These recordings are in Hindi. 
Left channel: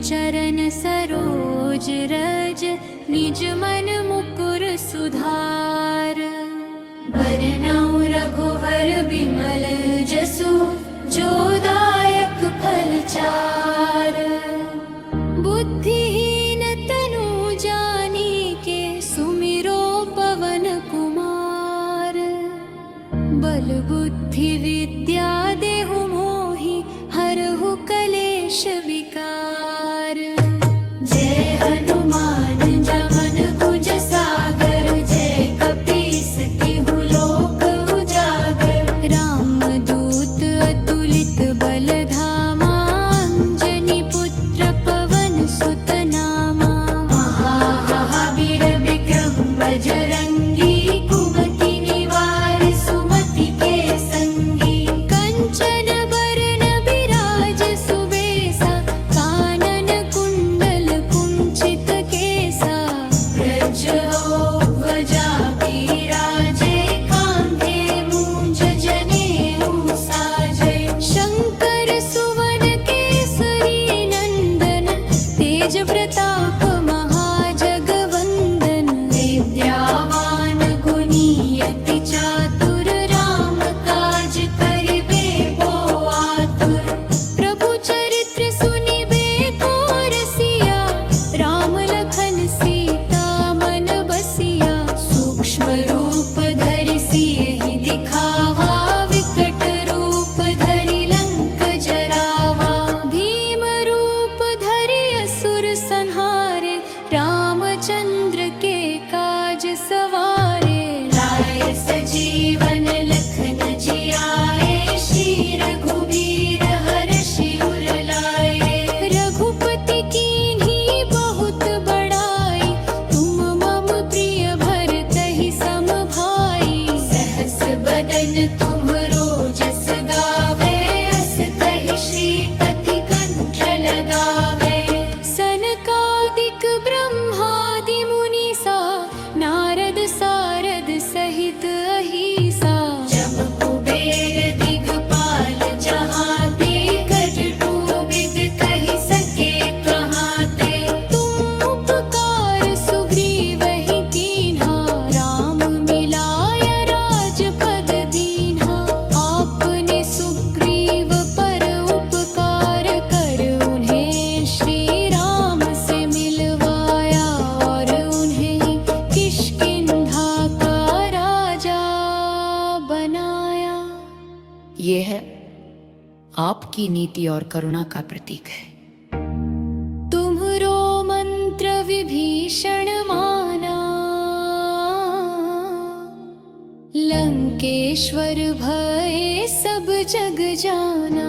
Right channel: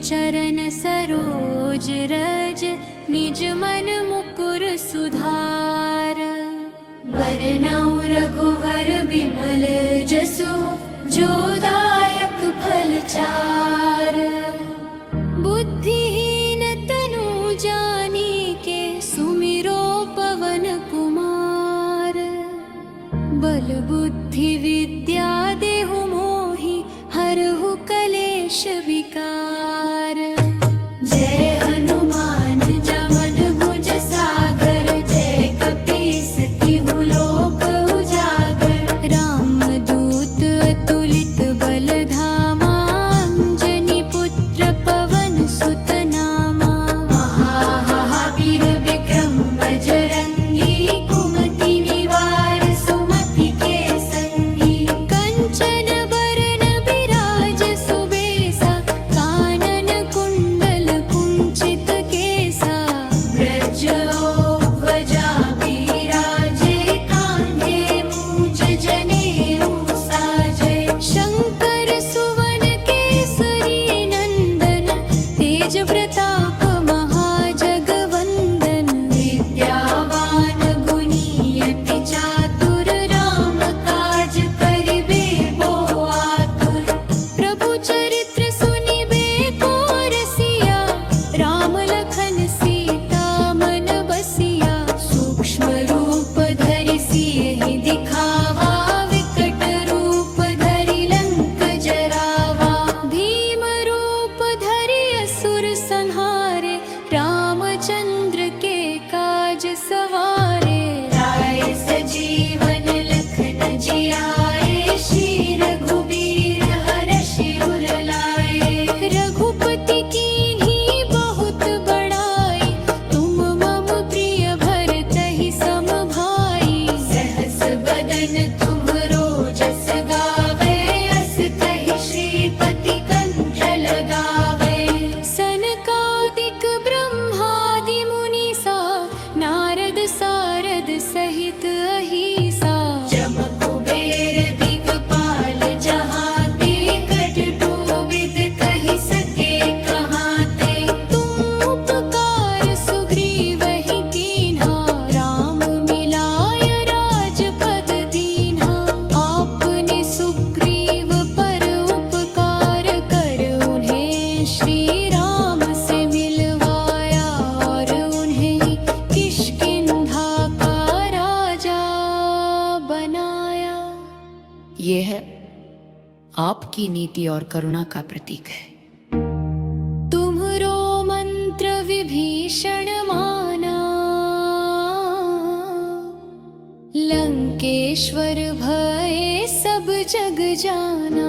चरण सरोज रज, निज मन मुकुर सुधार। बरनउँ रघुवर बिमल जसु, जो दायक फल चार। बुद्धिहीन तनु जानिके, सुमिरो पवन कुमार। बल बुद्धि विद्या देहु मोहि, हरहु कलेश विकार। जय हनुमान ज्ञान गुण सागर, जय कपीस तिहु लोक उजागर। रामदूत अतुलित बल धामा, अंजनी पुत्र पवन सुत नामा। महावीर विक्रम बजरंगी, कुमति निवार सुमति के संगी। कंचन बरन बिराज सुबेसा, कानन कुंडल कुंचित केसा। व्रजध्वजा बिराजे, कांधे मूंज जनेऊ साजे। शंकर सुवन केसरी नंदन, तेज प्रताप महाजगवंदन। विद्यावान गुणी अति चातुर, राम काज करिबे को आतुर। प्रभु चरित्र सुनिबे को रसिया, राम लखन सीता मन बसिया। सूक्ष्म रूप धरि सियहि दिखावा, विकट रूप धरि लंक जरावा। भीम रूप धरि असुर संहारे, रामचंद्र के काज सवारे। लाए सजीवन लखन जियाए, श्री रघुबीर हरषि उर लाए। रघुपति कीन्ही बहुत बड़ाई, तुम मम प्रिय भरतहि सम भाई। सहस बदन तुम्हरो जस गावे, अस कहि श्रीपति कंठ लगावे। सनकादिक ब्रह्मादि मुनीसा, नारद सारद सहित अहीसा। जम कुबेर दिगपाल जहाते, कट कोविद कहि सके कहाते। तुम उपकार सुग्रीवहि कीन्हा, राम मिलाय राजपद दीन्हा। आपने सुग्रीव पर उपकार कर, उन्हें श्री राम से मिलवाया। और उन्हें किष्किंधा का राजा बनाया। ये है आपकी नीति और करुणा का प्रतीक है। तुम्हरो मंत्र विभीषण माना, लंकेश्वर भय सब जग जाना।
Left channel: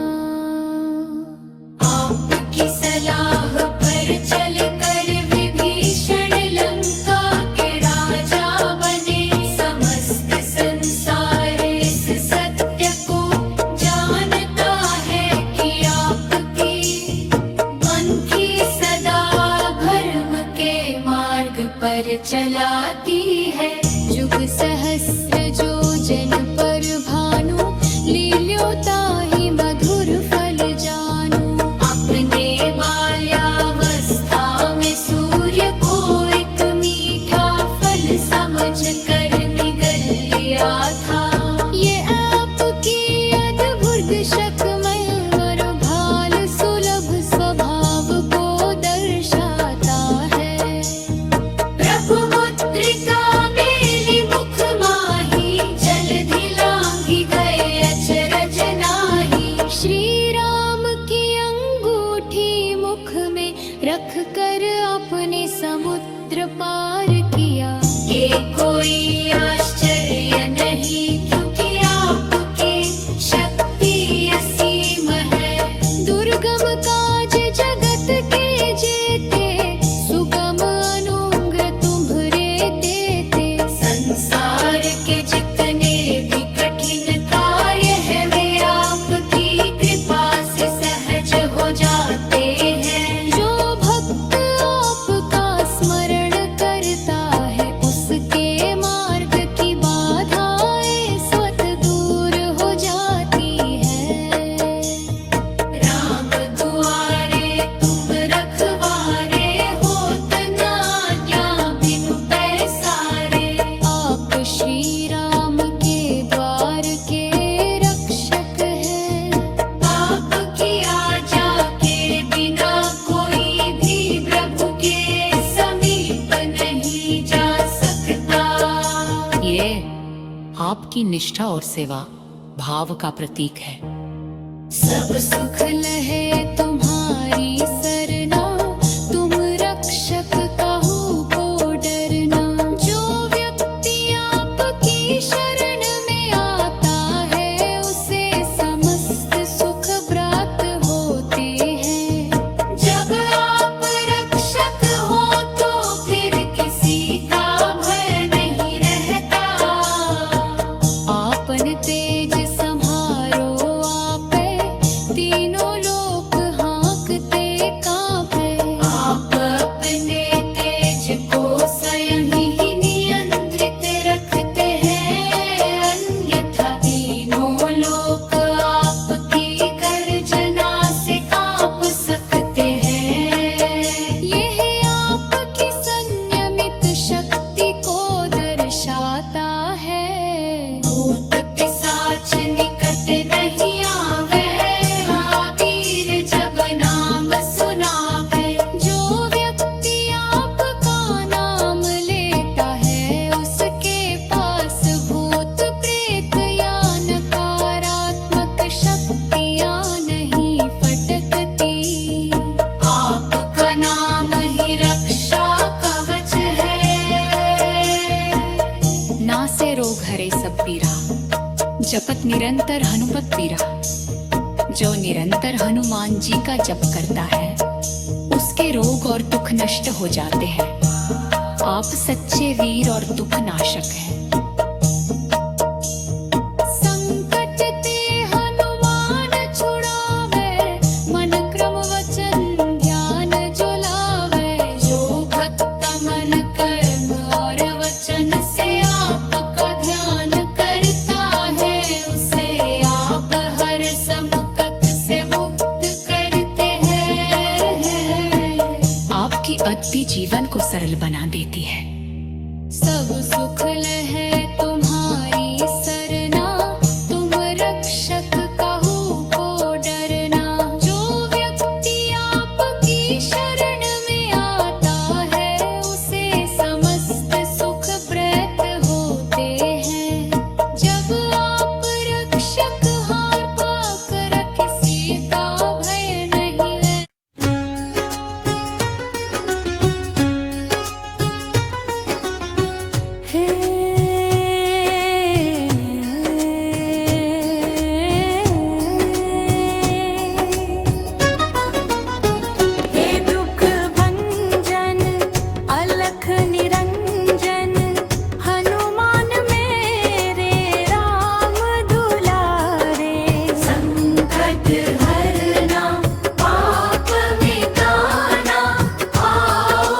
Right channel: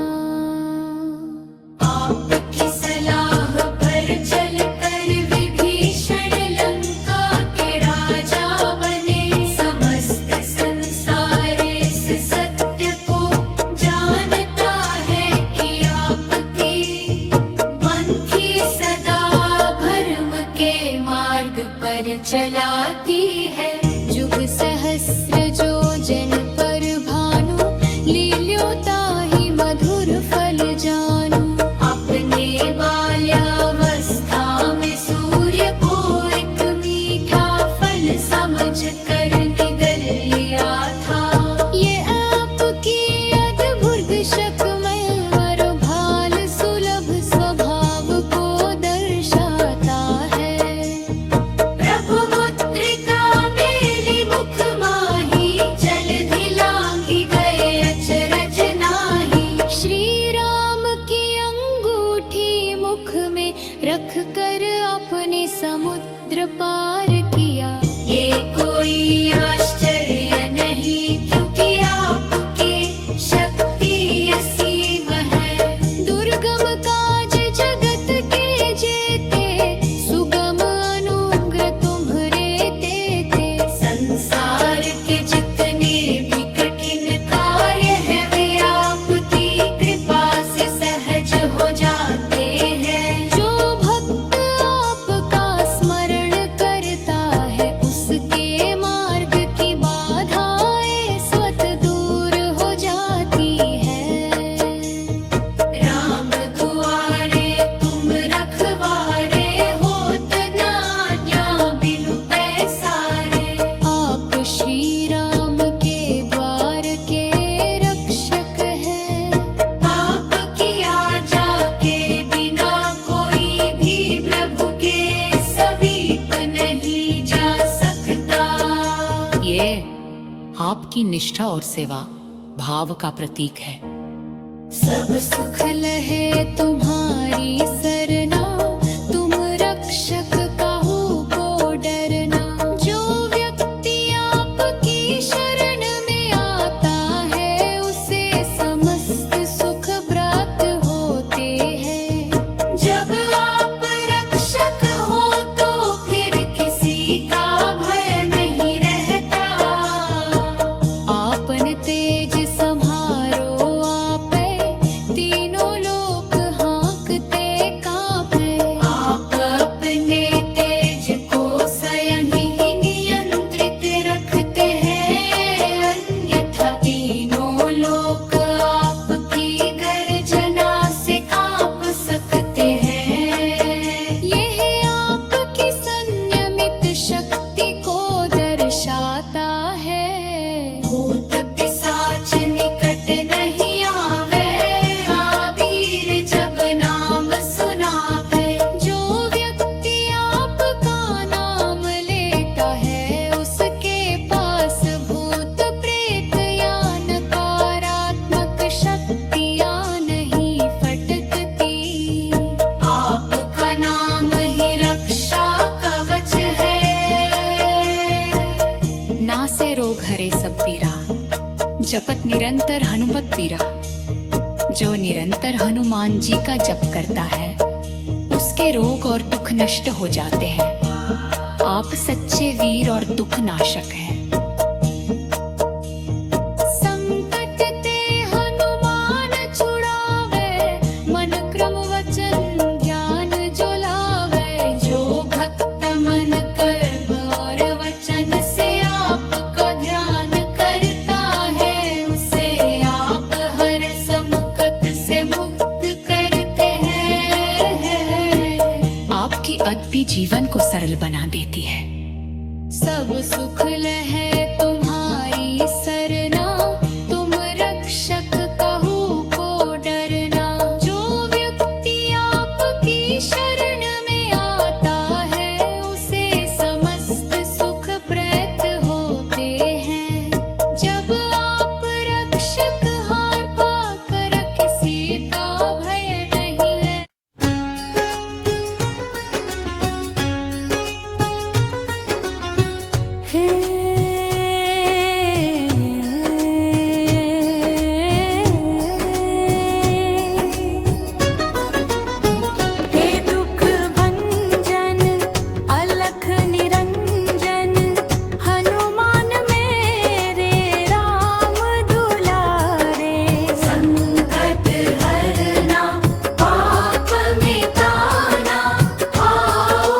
आपकी सलाह पर चल कर, विभीषण लंका के राजा बने। समस्त संसार इस सत्य को जानता है, कि आपकी मंथी सदा धर्म के मार्ग पर चलाती है। जुग सहस्र जो जन पर भानु, लील्योताहि मधुर फल जानू। अपने बाल्यावस्था में सूर्य को एक मीठा फल समझ कर निगल लिया था। ये आपकी अद्भुत शकमय वर भाल, सुलभ स्वभाव को दर्शाता है। प्रभु मुद्रिका मेली मुख माही, जलधि लांघि गए अचरज नाही। श्री राम की अंगूठी मुख में रख कर, आपने समुद्र पार किया। ये कोई आश्चर्य नहीं, क्योंकि आपके शक्ति असीम है। दुर्गम काज जगत के जेते, सुगम अनुग्रह तुम्हरे तेते। संसार के जितने भी कठिन कार्य हैं, वे आपकी कृपा से सहज हो जाते हैं। जो भक्त आपका स्मरण करता है, उसके आपकी निष्ठा और सेवा भाव का प्रतीक है। सब सुख लहे तुम्हारी सरना, तुम रक्षक काहू को डरना। जो व्यक्ति आपकी शरण में आता है, उसे समस्त सुख प्राप्त होते हैं। जब आप रक्षक हो तो फिर किसी का भय नहीं रहता। आपन तेज संहारो आपे, तीनों लोक हाँकते कांपे। आप अपने तेज को स्वयं ही नियंत्रित रखते हैं, अन्यथा तीनों लोक आपकी गर्जना से कांप सकते हैं। यह आपकी संयमित शक्ति को दर्शाता है। भूत पिशाच निकट नहीं आवे, आवीर जब नाम सुनावे। जो व्यक्ति आपका नाम लेता है, उसके पास भूत प्रेत या नकारात्मक शक्तियाँ नहीं फटकती। आपका नाम ही रक्षा कवच है। नासे रोग हरे सब पीरा, जपत निरंतर हनुमत पीरा। जो निरंतर हनुमान जी का जप करता है, उसके रोग और दुख नष्ट हो जाते हैं। आप सच्चे वीर और दुख नाशक हैं। संकट ते हनुमान छुड़ावे, मन क्रम वचन ध्यान जो लावे। जो भक्त मन कर्म और वचन से आपका ध्यान करता है, उसे आप हर संकट से मुक्त करते हैं। आपकी अद्भुत जीवन को सरल बना देती है। सब सुख लहे तुम्हारी सरना, तुम रक्षक काहू को डरना। जो व्यक्ति आपकी शरण में आता है, उसे समस्त सुख प्राप्त होते हैं। जब आप रक्षक हार पाकर किसी का भय नहीं है। हे दुख भंजन अलख निरंजन, हनुमान मेरे राम दुलारे। संकट हरना पाप मिटाना, आओ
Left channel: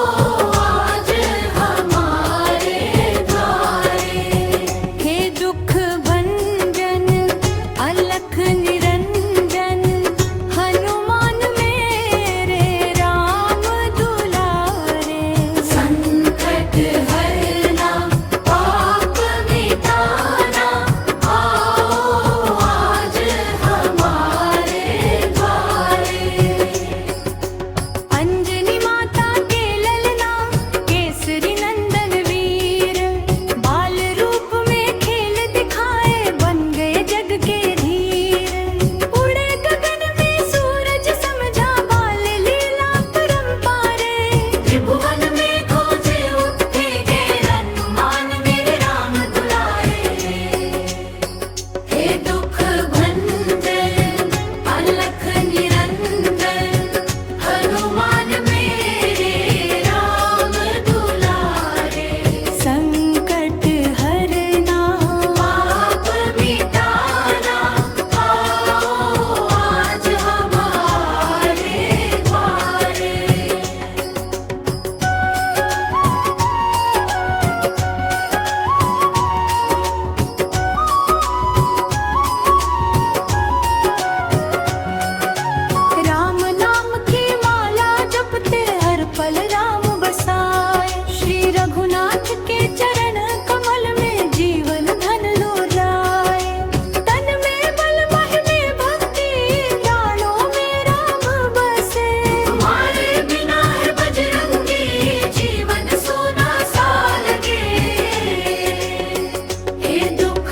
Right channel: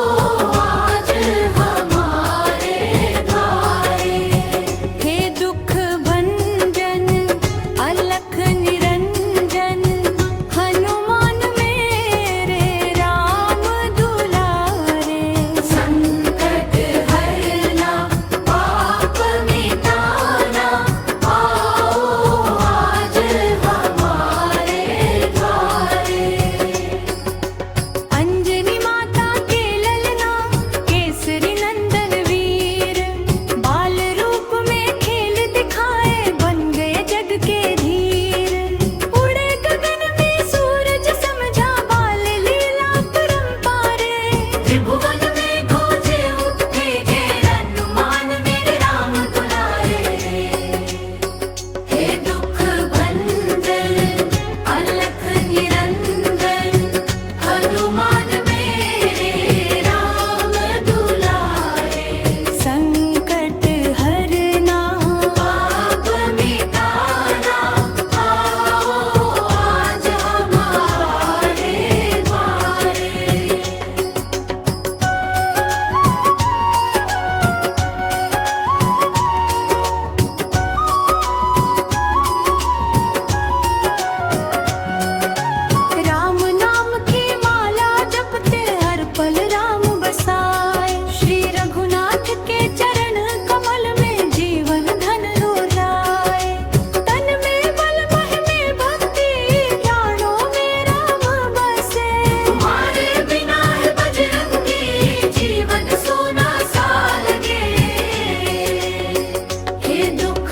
आज हमारे द्वारे। हे दुख भंजन अलख निरंजन, हनुमान मेरे राम दुलारे। संकट हरना पाप मिटाना, आओ आज हमारे द्वारे। अंजनी माता के ललना, केसरी नंदन वीर। बाल रूप में खेल दिखाए, बन गए जग के धीर। उड़े गगन में सूरज समझा, बाल लीला परंपारे। त्रिभुवन में गूंजे उठे जय, हनुमान मेरे राम दुलारे। हे दुख भंजन अलख निरंजन, हनुमान मेरे राम दुलारे। संकट हरना पाप मिटाना, आओ आज हमारे द्वारे। राम नाम की माला जपते, हर पल राम बसाए। श्री रघुनाथ के चरण कमल में जीवन धन लुराए। तन में बल मह में भक्ति, प्राणों में राम बसे। हमारे बिना है बजरंगी, जीवन सोना सा लगे। हे दुख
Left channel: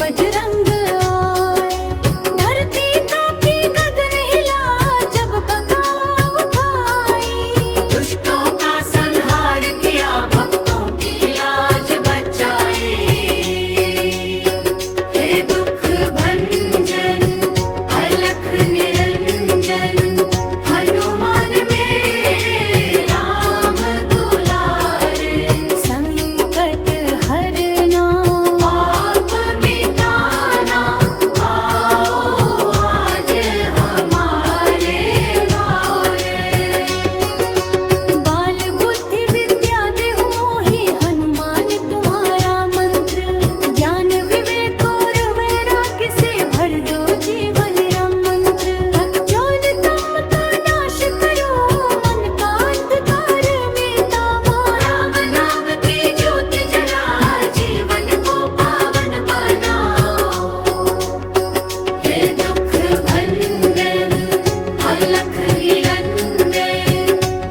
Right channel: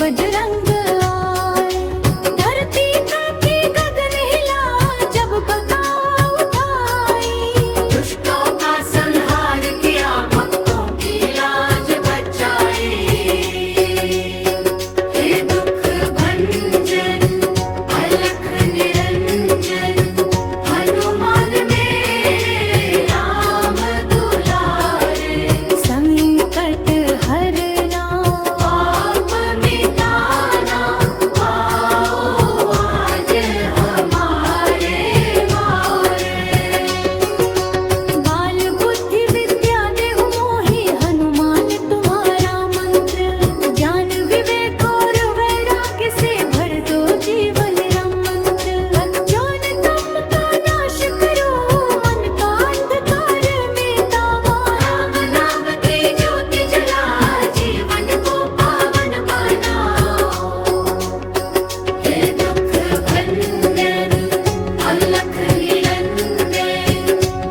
बजरंग आए। धरती कांपी गगन हिला जब बका उठाई। दुष्टों का संहार किया भक्तों की लाज बचाई। हे दुख भंजन अलख निरंजन हनुमान मेरे राम दुलारे। संकट हरना पाप मिटाना आओ आज हमारे द्वारे। बाल बुद्धि विद्या देहु मोहि हनुमान तुम्हारा मंत्र। ज्ञान विवेक और वैराग्य से भर दो जीवन राम मंत्र। अज्ञान तम का नाश करो मन का अंधकार मिटा। राम नाम के ज्योति जला जीवन को पावन बनाओ। हे दुख भंजन अलख निरंजन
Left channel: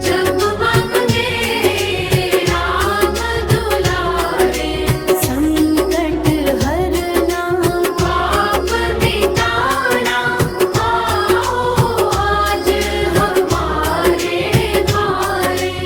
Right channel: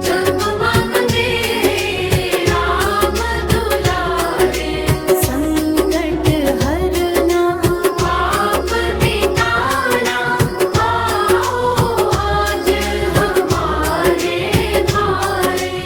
जप मम मेरे राम दुलारे। संकट हरना पाप मिटाना आओ आज हमारे द्वारे।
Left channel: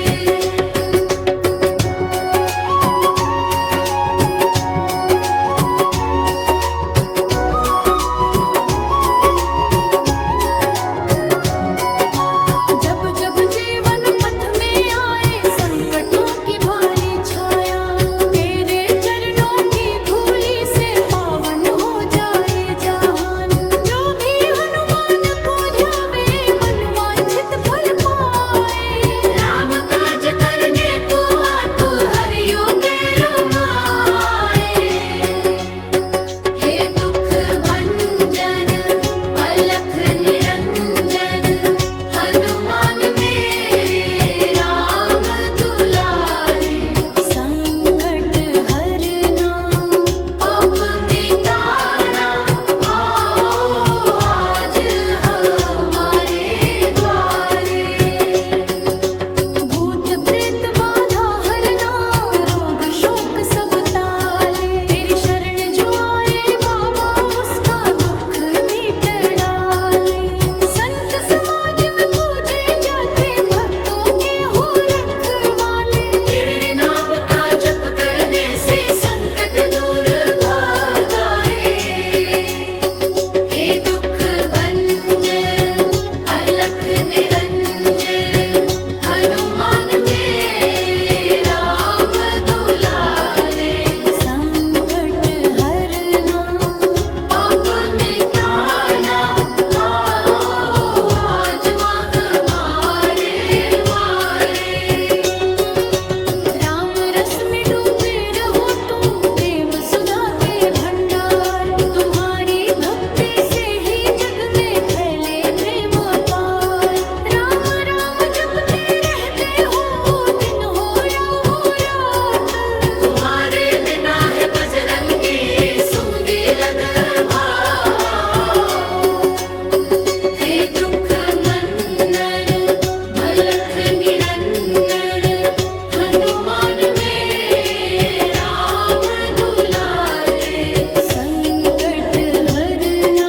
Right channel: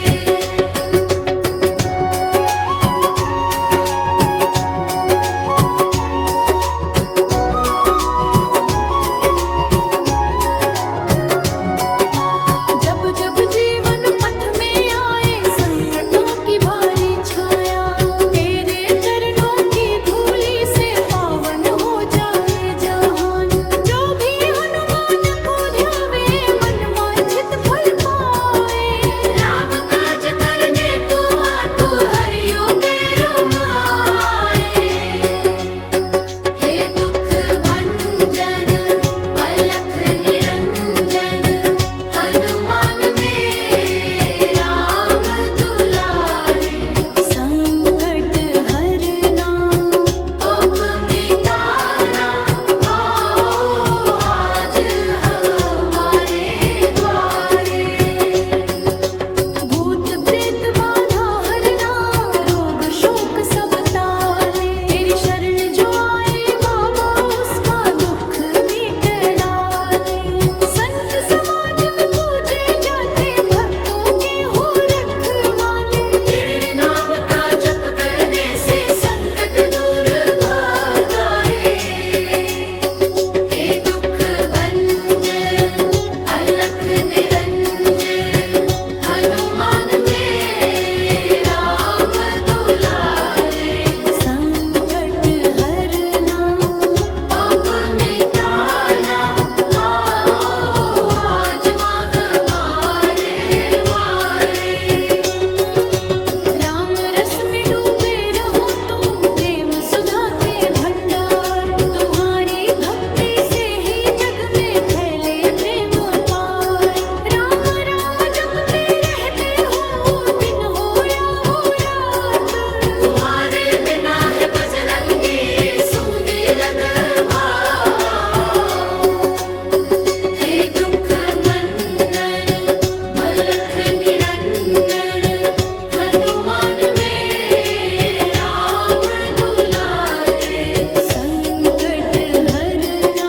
जब जब जीवन पथ में आए संकटों की भारी छाया। तेरे चरणों की धूली से पावन हो जाए जहान। जो भी हनुमान को ध्यावे मन वांछित फल पाए। राम काज करने को आतु हरियो के रमाए। हे दुख भंजन अलख निरंजन हनुमान मेरे राम दुलारे। संकट हरना पाप मिटाना आओ आज हमारे द्वारे। भूत प्रेत बाधा हरना रोग शोक सब टाले। तेरी शरण जो आए बाबा उसका दुख मिट डाले। संत समाज में पूजे जाते भक्तों के हो रखवाले। तेरे नाम का जप करने से संकट दूर भागाए। हे दुख भंजन अलख निरंजन हनुमान मेरे राम दुलारे। संकट हरना पाप मिटाना आओ आज हमारे द्वारे। राम रस में डूबे रहो तुम प्रेम सुधा के भंडार। तुम्हारी भक्ति से ही जग में फैले प्रेम अपार। राम राम जपते रहते हो दिन हो या हो रात। तुम्हारे बिना है बजरंगी सूने लग भाव। हे दुख भंजन अलख निरंजन हनुमान मेरे राम दुलारे। संकट हरना